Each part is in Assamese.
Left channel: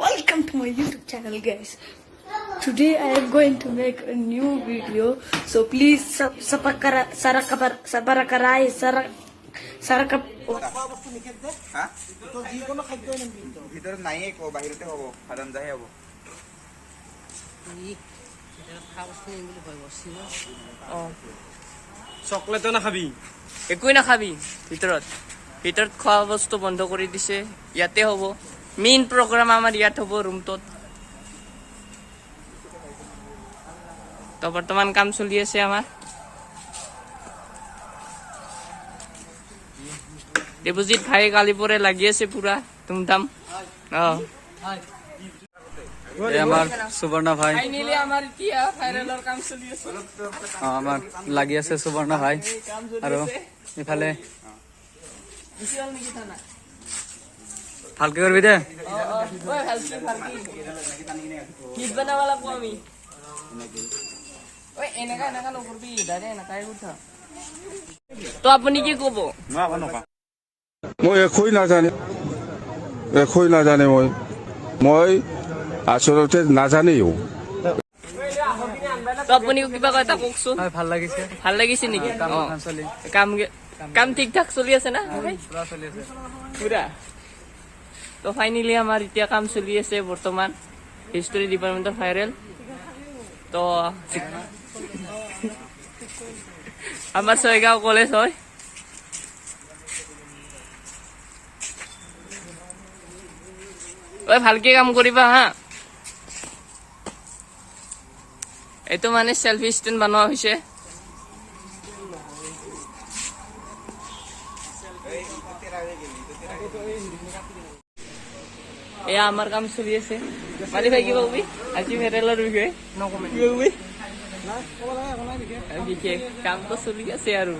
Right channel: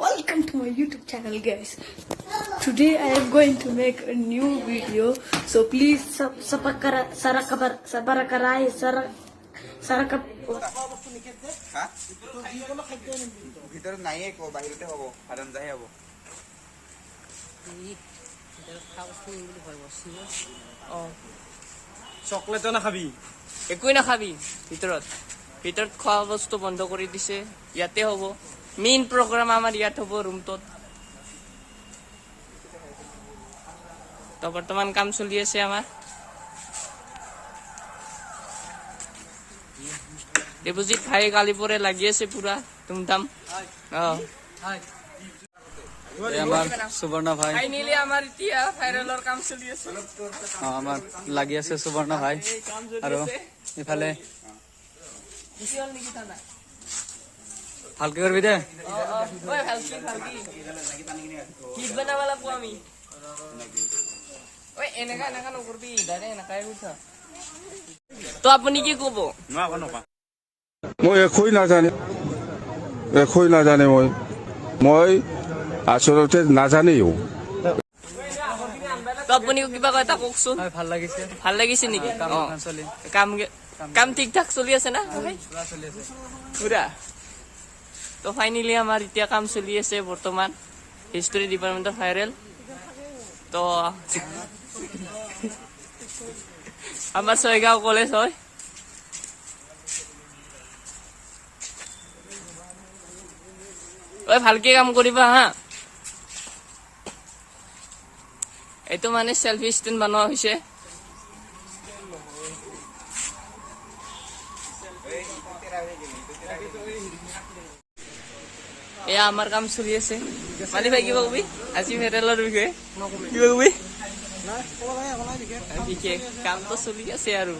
Welcome to my YouTube channel, guys. Today I am going to make a new video, so please chocolate নাখাবি একোই নাখাবি ভিতৰত খোৱা বস্তু বন্ধ কৰি দিছে ইয়াতে হ'ব মেইন প্ৰগ্ৰাম আমাৰ ইয়াত হ'ব ৰুমটোত তো বৰ্তমান কাম চলি আছে আমাৰ দেৱজিৎ ভাই কালি পৰে লাগি আছে পুৰা তুমতাম আমাৰ সুবৰ্ণ ভাই ফাইনালি আমাৰ এতিয়া ভাইৰেলৰ কাম চলি আছে আমাৰ লাগি আছে সুবৰ্ণ ভাই আৰু ইফালে ভালকে কৰবি দে তো আপুনি কি কব মই একোই নাজানে মই আচলতে নাজানেও তো আপুনি কিবা কথা কওকচোন ভাল লাগিছে নেকি কাম ঠিক ঠাক চলি আছে না পুৰা তো ফাইনেলি আমাৰ এতিয়া কাম চলি আছে বৰ্তমান হিষ্টৰী ডিপাৰ্টমেণ্টৰ ভাইৰেল তো আমাৰ ছয়গাঁও কলেজ হয় ভালকে কাম কৰিবা হা এইটো মানে সেলফি ষ্টেণ্ড বনোৱা হৈছে এয়া আমাৰ কাম চলি আছে মালি ভাই কিবা কবি আজি মেটেলৰ বিষয়ে কিবা কবি বিশেষ কামটো চলি আছে আৰু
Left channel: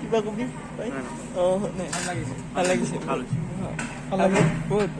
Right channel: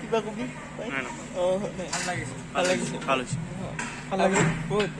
কিবা কবি ভাল লাগিছে বহুত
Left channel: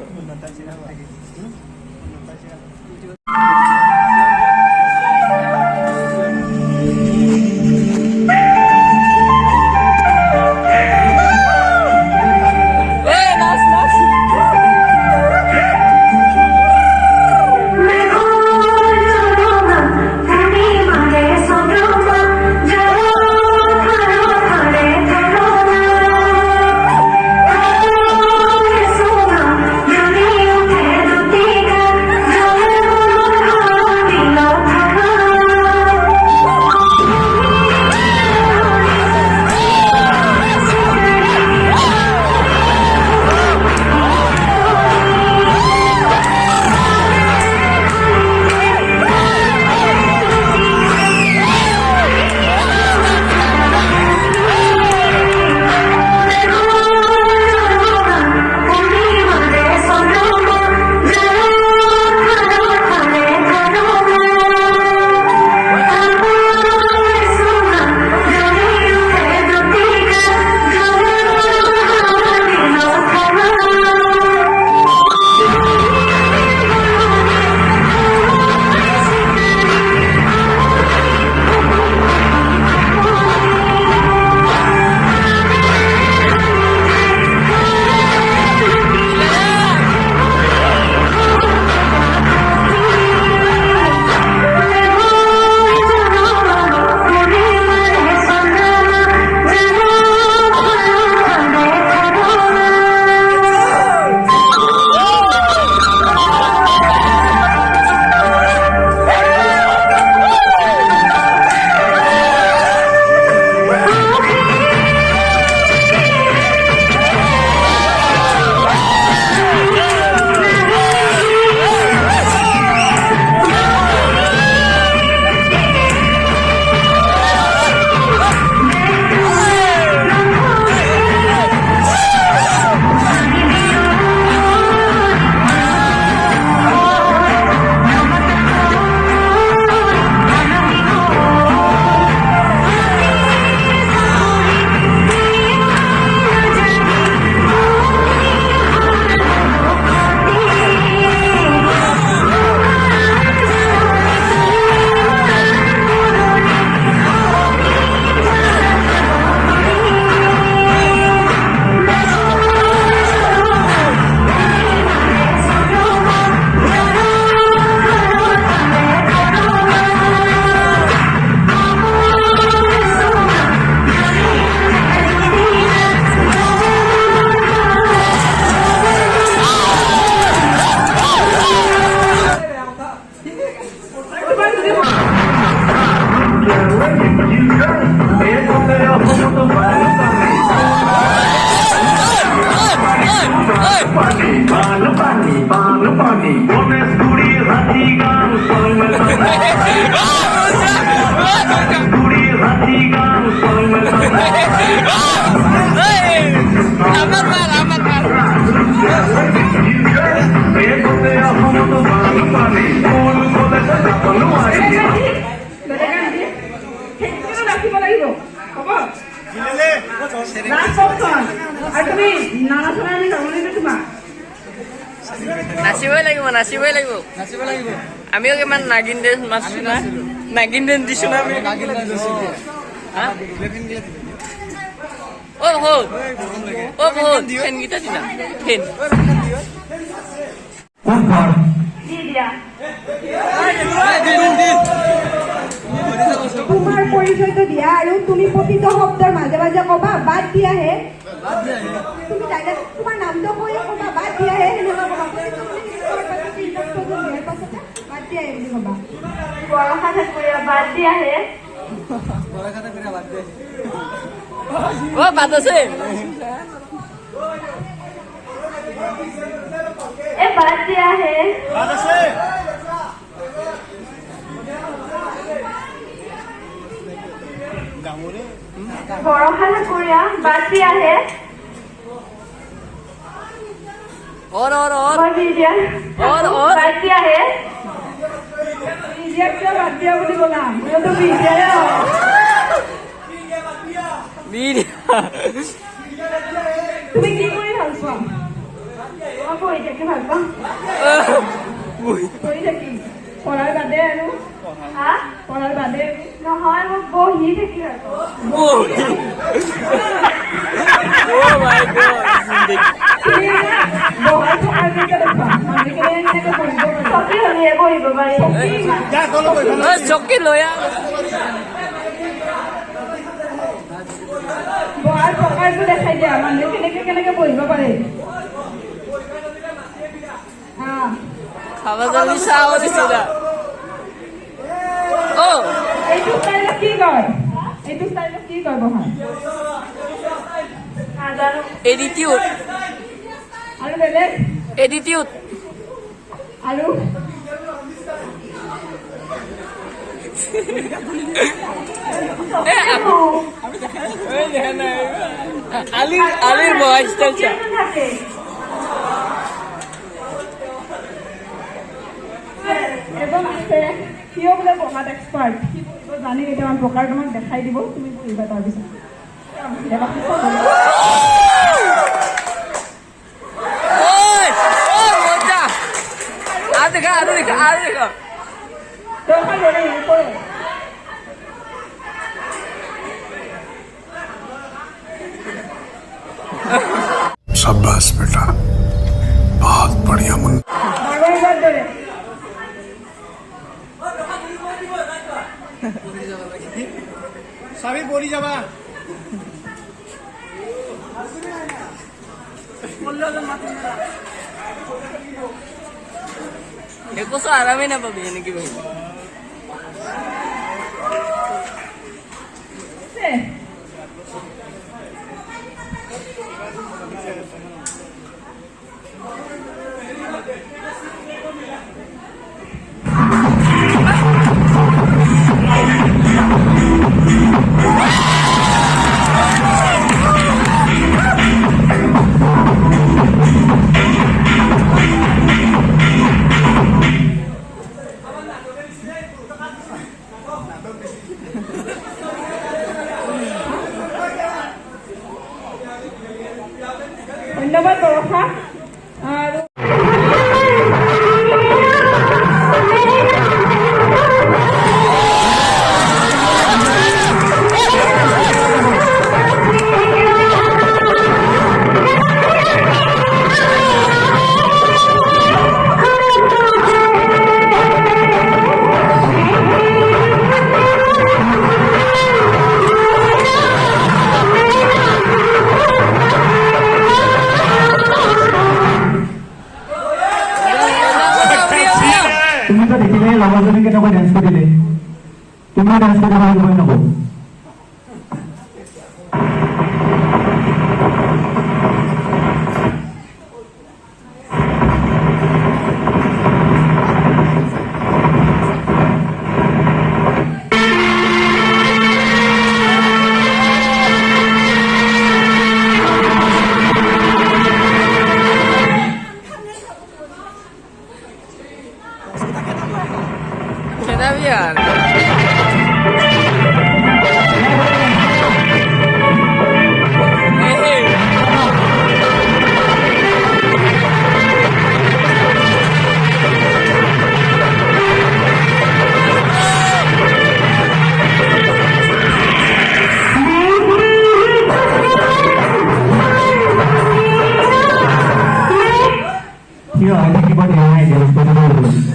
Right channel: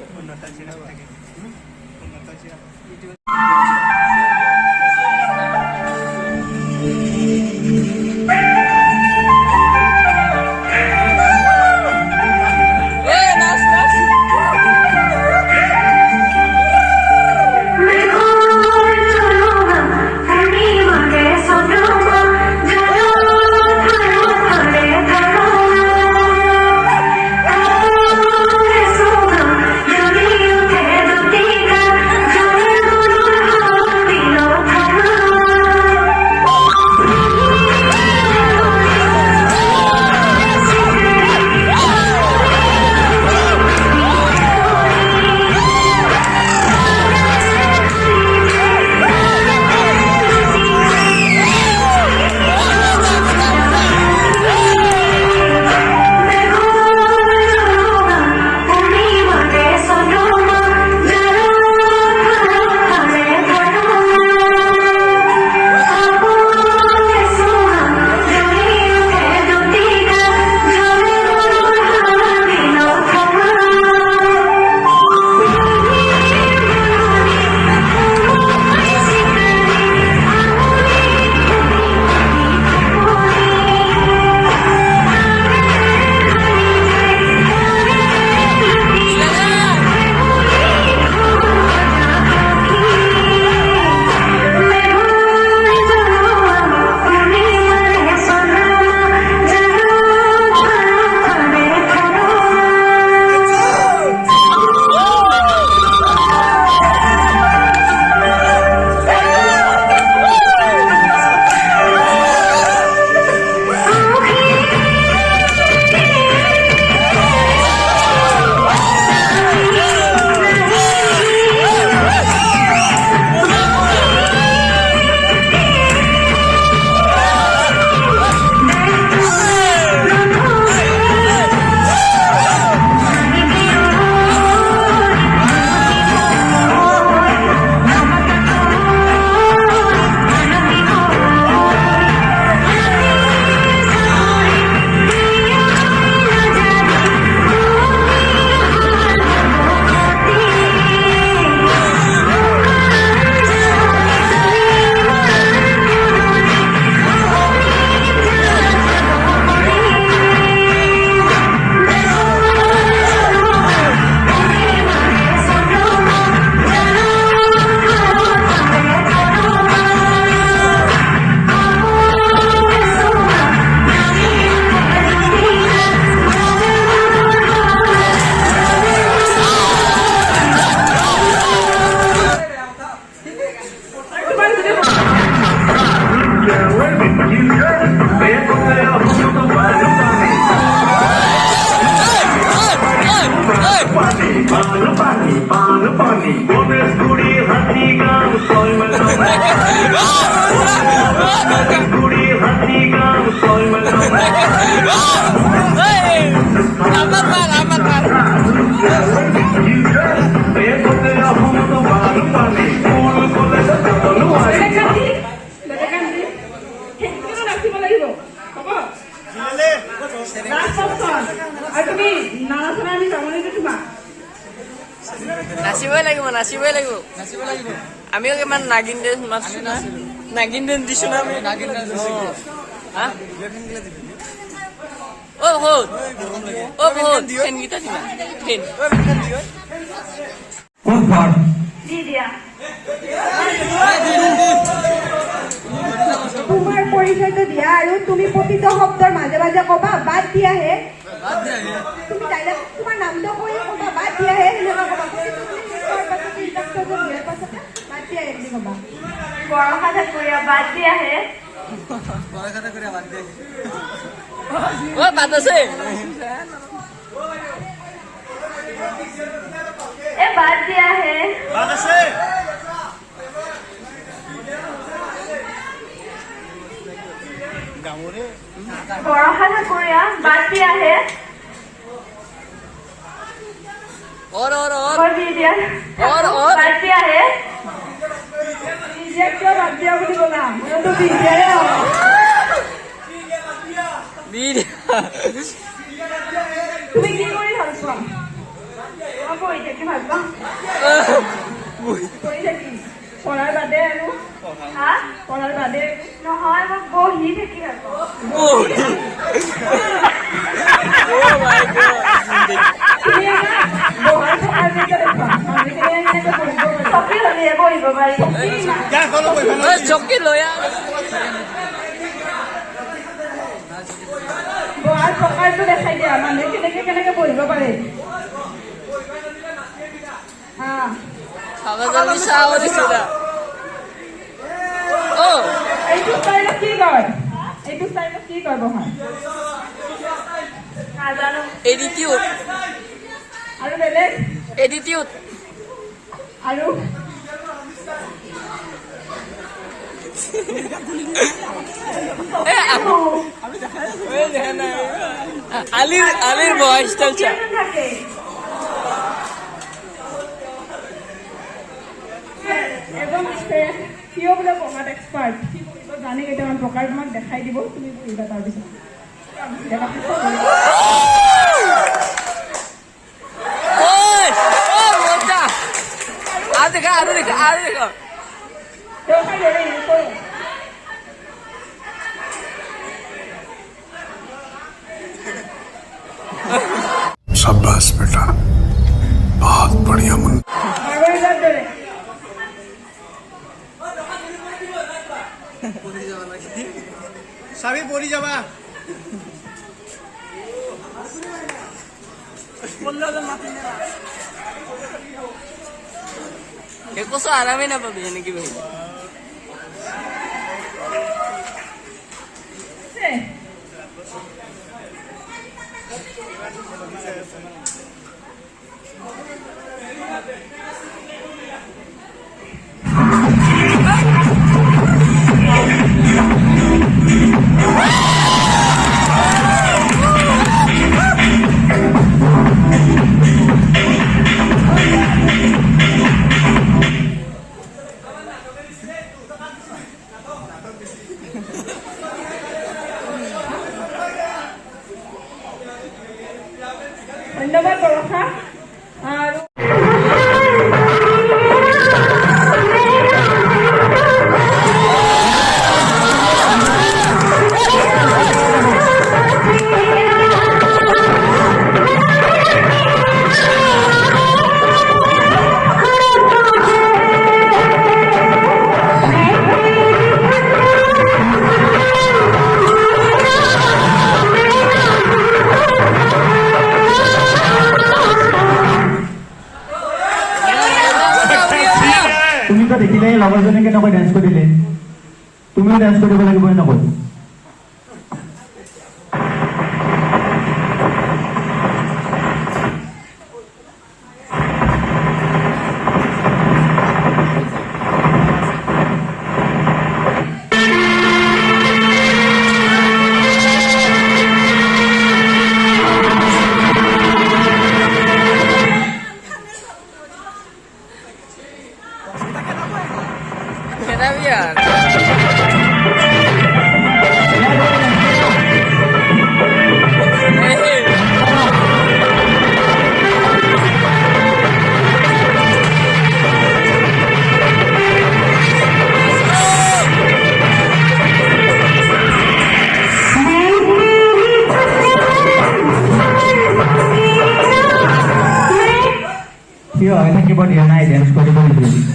আমাৰ মাল নাচিবই লাগিব আমিও কিমান নাগিন ডেন্স মাৰছো না নাগিন ডেন্স দিছো না আমি বহুত ফেন গীতা দিলা ফেন তোমাৰ পৰিচয়টো দিয়া আৰু তুমি প্ৰতিটো শব্দৰ মাজে মাজে কবা বাদ দিয়াহে তুমি তোমাৰ নামটো কৈয়ে কবা বাদ দিয়াহে সেনেকুৱা কবা বাদ দিয়াহে বুলি কবা বৰষা ঠাকুৰীয়া বাদ দিয়াহে বাদ আছে এ বাদ দিয়াহে বৰষা ঠাকুৰীয়া বাদ দিয়াহে और বিজিয়াৰ বাদ দিয়াহে বিজিয়াৰ কিয় বাদ দিয়া বুলি ক'লা মইতো বিজিয়াৰে হয় তুমি কি কৰি ভাল পোৱা মই পঢ়ি থাকি ভাল পাওঁ পঢ়ি থাকি পঢ়াৰ বাদে আৰু পঢ়াৰ বাদে নহয় মই বহি থাকি ভাল পাওঁ বহাৰ থকাৰ চকী হ'লে বহিব পাৰি চকী লৈ বহাৰ প্ৰকাৰটো দেখাই দিয়া মানুহে কেনেকে বহিব পাৰে খাবা জলদি চাহ দিছিলা এইটো ষ্টাইলত কি কয় বহাৰ নাজানো এডিটিউড আৰু বেলেগ এডিটিউড আৰু আলিৰ বহা ষ্টাইল চা থাকে এজন আছে সিও বোলে পঢ়াত এক্সপাৰ্ট জানি কেইটামান প্ৰকাৰ তোমাক দেখাই দিব তুমি পঢ়িবা তাৰপিছত আৰু দেখা शाबाश बेटा बहुत बढ़िया मुन চাবি পৰি যাবা একো আৰামেই নাপাবি এনেকে বহিলে ধন্যবাদ বৰষা আৰু তুমি তো দেখিলে লগৰজনী কেনেকৈ ডেন্স কৰিলে তুমিও ডেন্স কৰিব লাগিব নকয় Kenapa ya? Here, I think about your idea. Let's go to the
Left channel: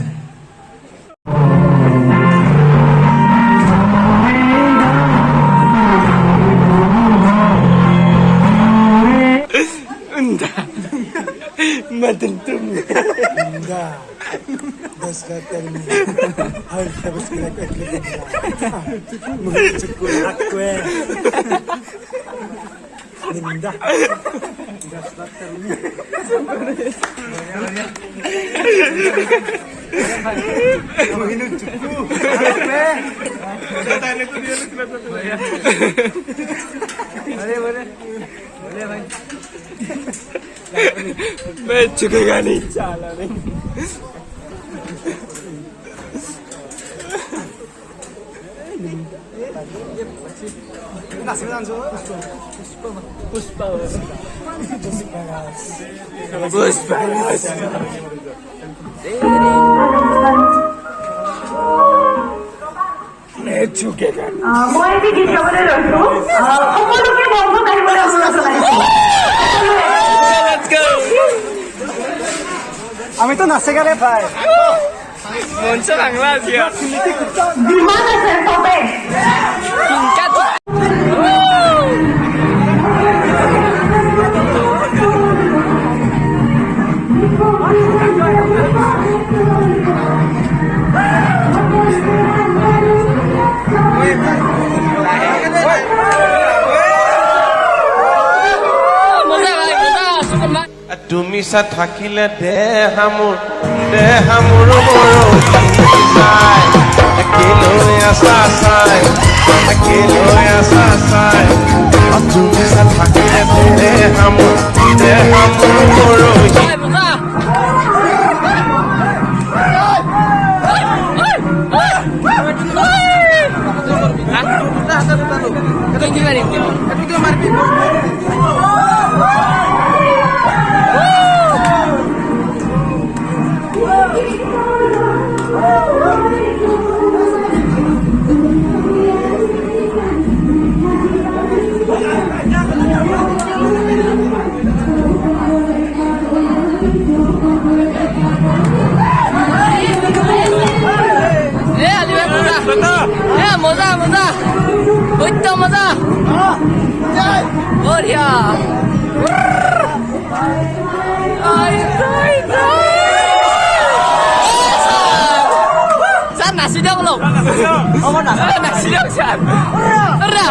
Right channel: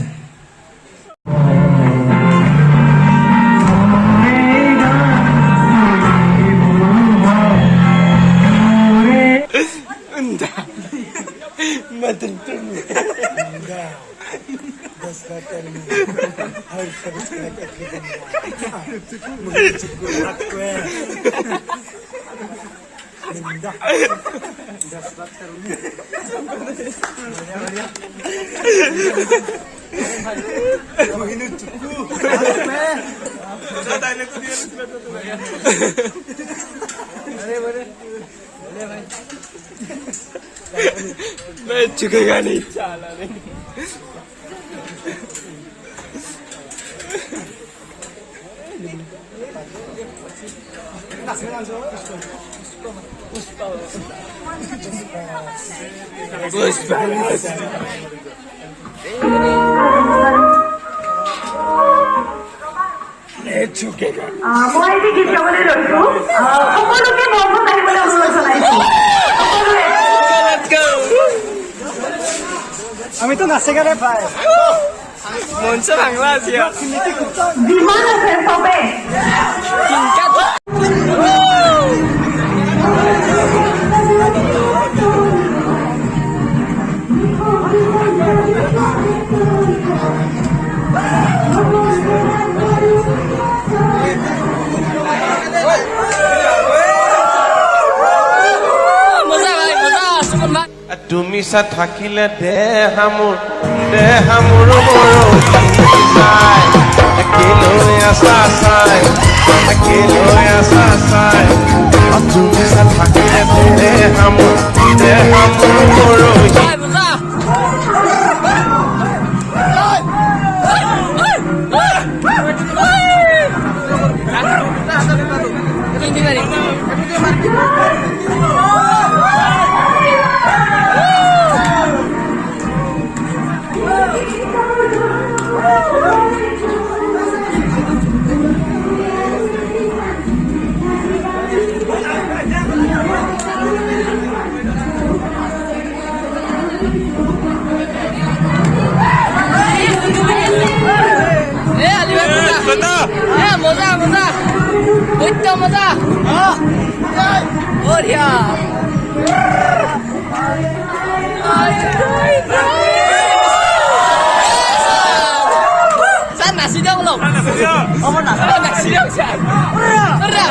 मैं चुकेगा नहीं चाला नहीं মই আজি গীত গাবলৈ লৈছো সকলোকে বন্ধ কাঢ়িবলৈ অনুৰোধ জনাইছো আমিতো নাচে গানে খাই Monster angla siya. যিমান আছে চবে Tingkat. তুমি চা থাকিলে দেহামোৰ মৰমাই একেলৈ আছা চাই তুমি চা থাকিলে দেহামোৰ মৰহি मजा बढ़िया San nasi dong lo. Oh nasi dong San. Udah.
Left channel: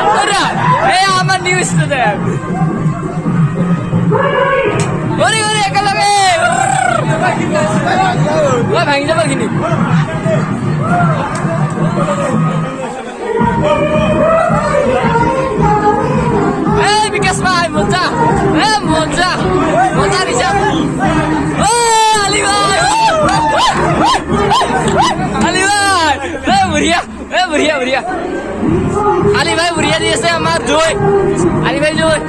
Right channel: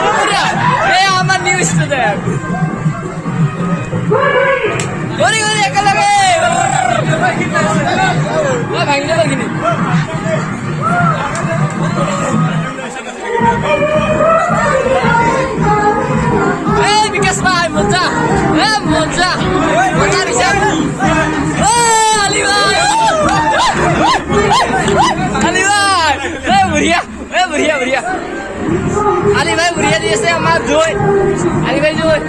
I'm a new student. Gori kalau begini begini. Bikas main Monza bisa. Ali Bhai. बढ़िया Ali Bhai बढ़िया जैसे हमारा जोई Ali Bhai जोई